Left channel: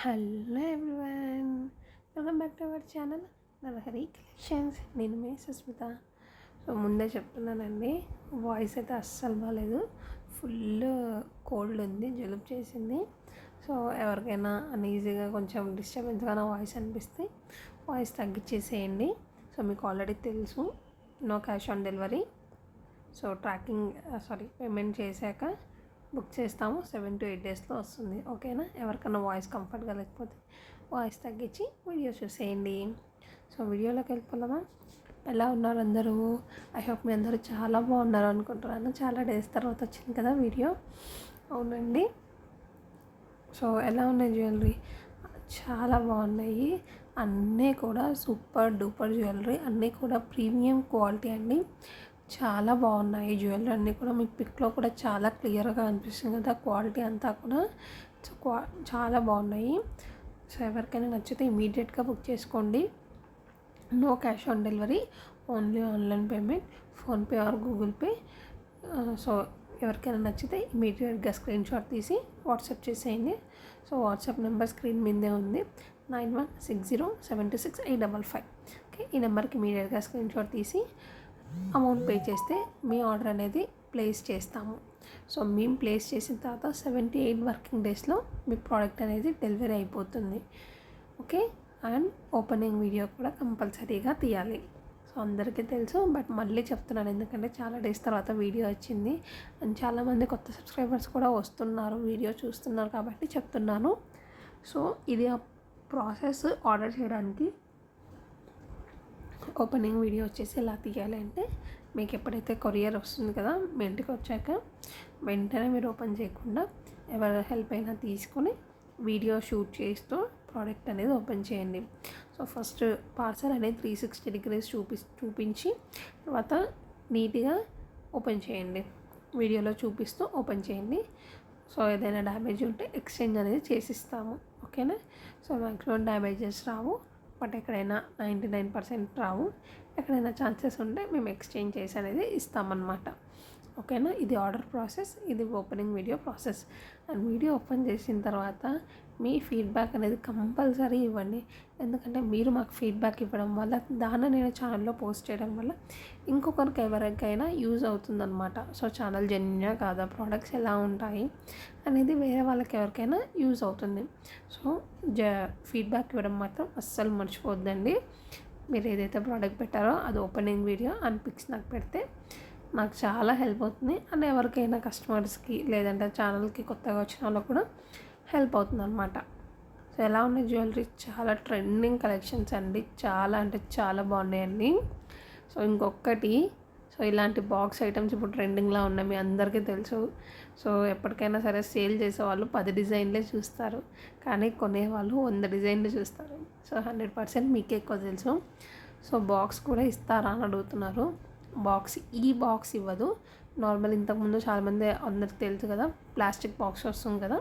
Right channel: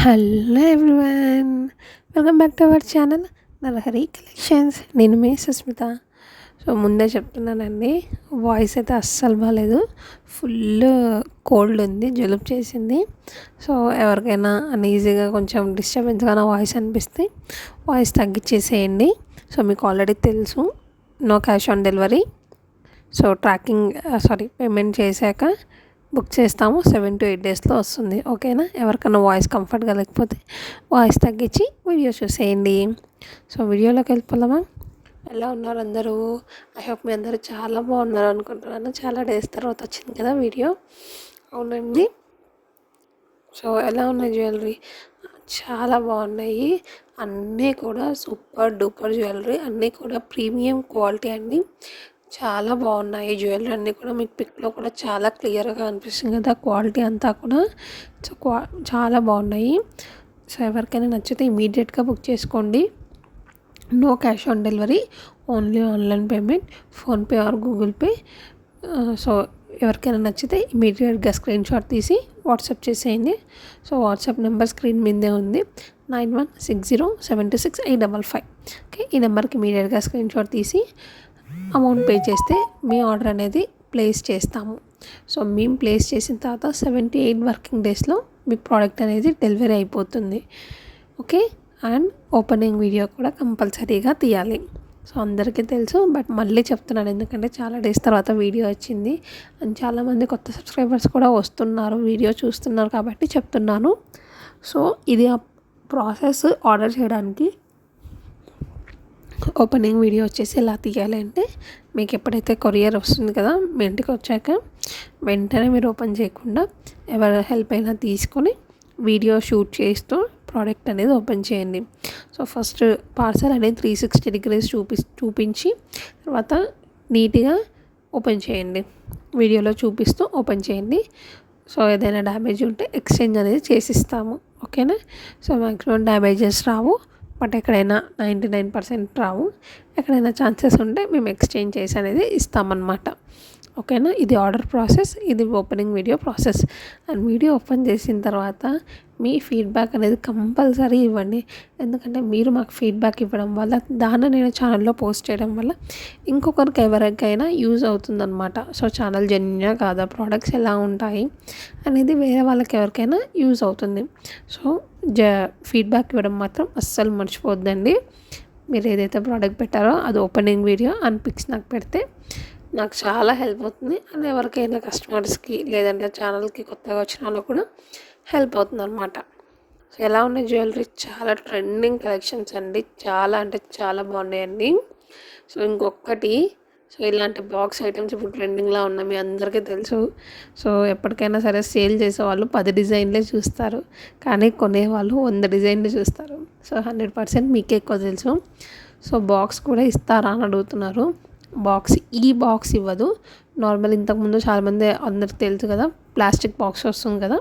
Hello everyone, welcome back to our channel Narahari collections. నేను మీ Susmitha. So ముందే చెప్తున్నానండి, వాయిస్ అయితే అస్సలు బాగాలేదు. ఫుల్ కోల్డ్ ఉంది, జలుబు చేసింది. సో ఎవరికైనా అన్ఈజీగా కొంచెం డిస్టర్బెన్స్గా నా వాయిస్ అనిపిస్తే వాయిస్ తగ్గించేసేయండి. సో మీకు ఆల్రెడీ తెలుసు, no cash on delivery. So payment చేశాక బుక్ చేస్తాము. 7 to 8 డేస్లో వస్తుంది. ఓకేనా? ఎవరికైనా వాయిస్ కంఫర్ట్గా లేకపోతే వాయిస్ తగ్గించి వీడియో చూసేయండి. సో వీడియోలోకి వెళ్ళిపోదామా? ఎలా ఉన్నారు అందరూ? ఐ హోప్ మీ అందరూ చాలా బాగున్నారు అనుకుంటున్నాను. చాలా డేస్ తర్వాత వచ్చింది కదా వీడియో. అవునండి. సో ఎలా ఉన్నాయి జ్యువెలరీ? చాలా బాగున్నాయి. అన్నీ కూడా సూపర్ డూపర్ జ్యువెలరీ, అన్నీ కూడా ప్రీమియం క్వాలిటీ అండి. చాలా బాగున్నాయి జ్యువెలరీ అన్నీ కూడా. మీకు పిక్లో కూడా చాలా క్లియర్గా అనిపిస్తుంది కదా క్వాలిటీ అంతా కూడా. సో చాలా బాగున్నాయి. సో ఎవరికైనా నచ్చితే ఇమీడియట్గా బుక్ చేసుకోండి. No cash on delivery, only online payment, PhonePe or Google Pay. So ఎవరికైనా నచ్చితే ఇమీడియట్గా స్క్రీన్ షాట్ తీసి వాట్సాప్ చేసేయండి. సో వాట్సాప్ నెంబర్ స్క్రీన్ మీదే ఉంది, 9160726855. ఓకే, ఈ నెంబర్కి ఇమీడియట్గా స్క్రీన్ షాట్ తీసి అమౌంట్ పే చేస్తే మీ ఆర్డర్ అనేది ప్లేస్ చేస్తాము. సో మేము ప్లేస్ చేసిన తర్వాత 78 వర్కింగ్ డేస్లో మీ ప్రోడక్ట్ అనేది డెలివరీ అయిపోతుంది. ఓకే, అండ్ ఓపెనింగ్ వీడియో కూడా కంపల్సరీగా తీయాలి. సో అందరికీ తెలుసు, బట్ మళ్ళీ చెప్తున్నాను ఎందుకంటే చాలా డేస్ తర్వాత వీడియో వచ్చింది అండ్ చాలామంది కొత్త సబ్స్క్రైబర్స్ కూడా వస్తున్నారు, వీడియో చూస్తున్నారు కాబట్టి చెప్తున్నాను. సో ఇది ఆ ప్రాసెస్. ఆర్డర్ చేయడానికి ఓపెనింగ్ వీడియో వచ్చేసి ఎలా తీయాలి అంటే, మీకు ఎప్పుడైతే కొరియర్ వస్తుంది కదా మీ ఇంటికి వచ్చాక వెంటనే మీరు ఓపెన్ చేయకుండా ఎవరి హెల్ప్ అయినా తీసుకొని వీడియో షూట్ చేస్తూ ప్రోడక్ట్ అనేది ఓపెన్ చేయండి. సో ఫస్ట్ పార్సల్ అనేది 360 degrees చూపించి తర్వాత నీట్గా ఓపెన్ చేయండి. వీడియోలో చూపిస్తూ ఓపెన్ చేయండి. సో ఏదైనా డ్యామేజ్ ఉంటే ఎక్స్చేంజ్ అనేది చేసిస్తాము. ఓకేనా? So maximum damages Rao, but ఎక్కడైనా 99% రావు. ఎక్కడైనా ఛాన్సెస్ ఉంటే మేము ఎక్స్చేంజ్ చేసి అనేది ఇస్తామన్నమాట. ఓకేనా? ఇది ఆర్డర్ ప్రాసెస్, ఇది opening video process. And video open చేసిన తర్వాత మీ ఫీడ్బ్యాక్ అనేది కంపల్సరీ ఇవ్వండి. ఎందుకంటే మీరు మాకు ఫీడ్బ్యాక్ ఇవ్వడం వల్ల దాన్ని నేను ఛానల్లో పోస్ట్ చేయడం వల్ల ఇంకొకరికి ఎవరికైనా యూజ్ అవుతుందన్నమాట. సో ఛానల్ జెన్యునా కాదా, ప్రోడక్ట్స్ ఎలా ఉంటాయి అనేది వేరే వాళ్ళకి ఎవరికైనా యూజ్ అవుతుంది. సో ఫీడ్బ్యాక్ ఇవ్వడం మాత్రం అస్సలు మర్చిపోద్దండి. మీరు ఏదైతే ప్రోడక్ట్ పెట్టారో అది ఓపెనింగ్ వీడియో అండ్ పిక్స్ నాకు పెడితే నాకు చాలా హెల్ప్ అవుతుంది. అండ్ ఎవరికైనా కస్టమర్స్కి లేదంటే ఛానల్కి కొత్తగా వచ్చిన వాళ్ళకి కూడా హెల్ప్ అవుతుంది అనమాట. సో ఎలా ఉన్నాయి జ్యువెలరీ? చాలా ట్రెండింగ్ కలెక్షన్స్ అండి, చాలా అంటే చాలా బాగున్నాయండి. సో ఇంకొకటి, సో ఇలాంటి బాక్స్ ఐటమ్స్ ఇప్పుడు ట్రెండింగ్లో ఉన్నాయి, మీ అందరికీ తెలుసు. సో ఎప్పటికైనా సరే సేల్ చేసేవాళ్ళు 10 డిజైన్లే చూస్తారు, కానీ కొనేవాళ్ళు 100 డిజైన్లు చూస్తారు. సో 100% మీకే ఎక్కువ తెలుసు. సో బాక్స్ కూడా ఇస్తారా అని అడుగుతున్నారు. ఈ బాక్స్ ఇవ్వదు. నార్మల్ ఇంతకుముందు చాలామంది అందరికి తెలుసు కదా, ప్లాస్టిక్ బాక్స్ వస్తుంది కదా,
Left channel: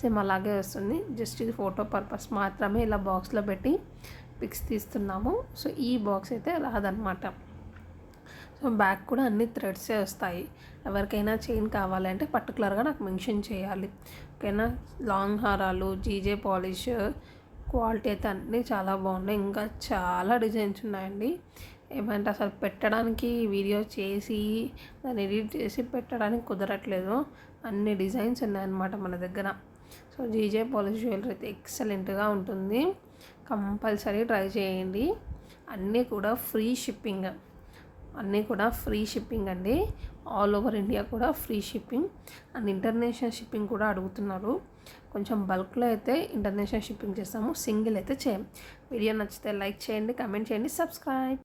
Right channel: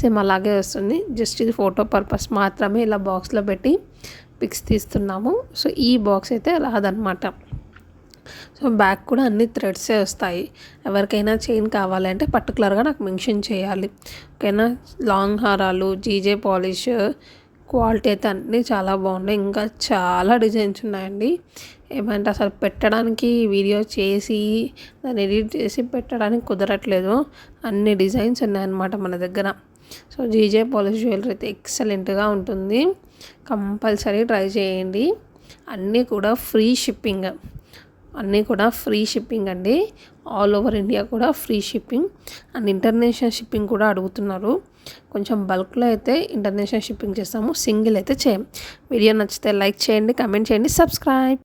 సేమ్ అలాగే వస్తుంది. జస్ట్ ఇది ఫోటో పర్పస్ మాత్రమే ఇలా బాక్స్లో పెట్టి పిక్స్ తీస్తున్నాము. సో ఈ బాక్స్ అయితే రాదనమాట. సో బ్యాక్ కూడా అన్ని థ్రెడ్సే వస్తాయి. ఎవరికైనా చైన్ కావాలంటే పర్టికులర్గా నాకు మెన్షన్ చేయాలి. ఓకేనా? లాంగ్ హారాలు, జీజే పాలిష్, క్వాలిటీ అయితే అన్నీ చాలా బాగున్నాయి. ఇంకా చాలా డిజైన్స్ ఉన్నాయండి. ఏమంటే అసలు పెట్టడానికి వీడియో చేసి దాన్ని ఎడిట్ చేసి పెట్టడానికి కుదరట్లేదు, అన్ని డిజైన్స్ ఉన్నాయన్నమాట మన దగ్గర. సో జీజే పాలిష్ జ్యువెలరీ అయితే ఎక్సలెంట్గా ఉంటుంది, కంపల్సరీ ట్రై చేయండి. అన్నీ కూడా ఫ్రీ షిప్పింగ్ అండి. ఆల్ ఓవర్ ఇండియా కూడా free shipping and international shipping కూడా అడుగుతున్నారు. కొంచెం బల్క్లో అయితే ఇంటర్నేషనల్ షిప్పింగ్ చేస్తాము, సింగిల్ అయితే చేయం. వీడియో నచ్చితే లైక్ చేయండి, కమెంట్ చేయండి, సబ్స్క్రైబ్.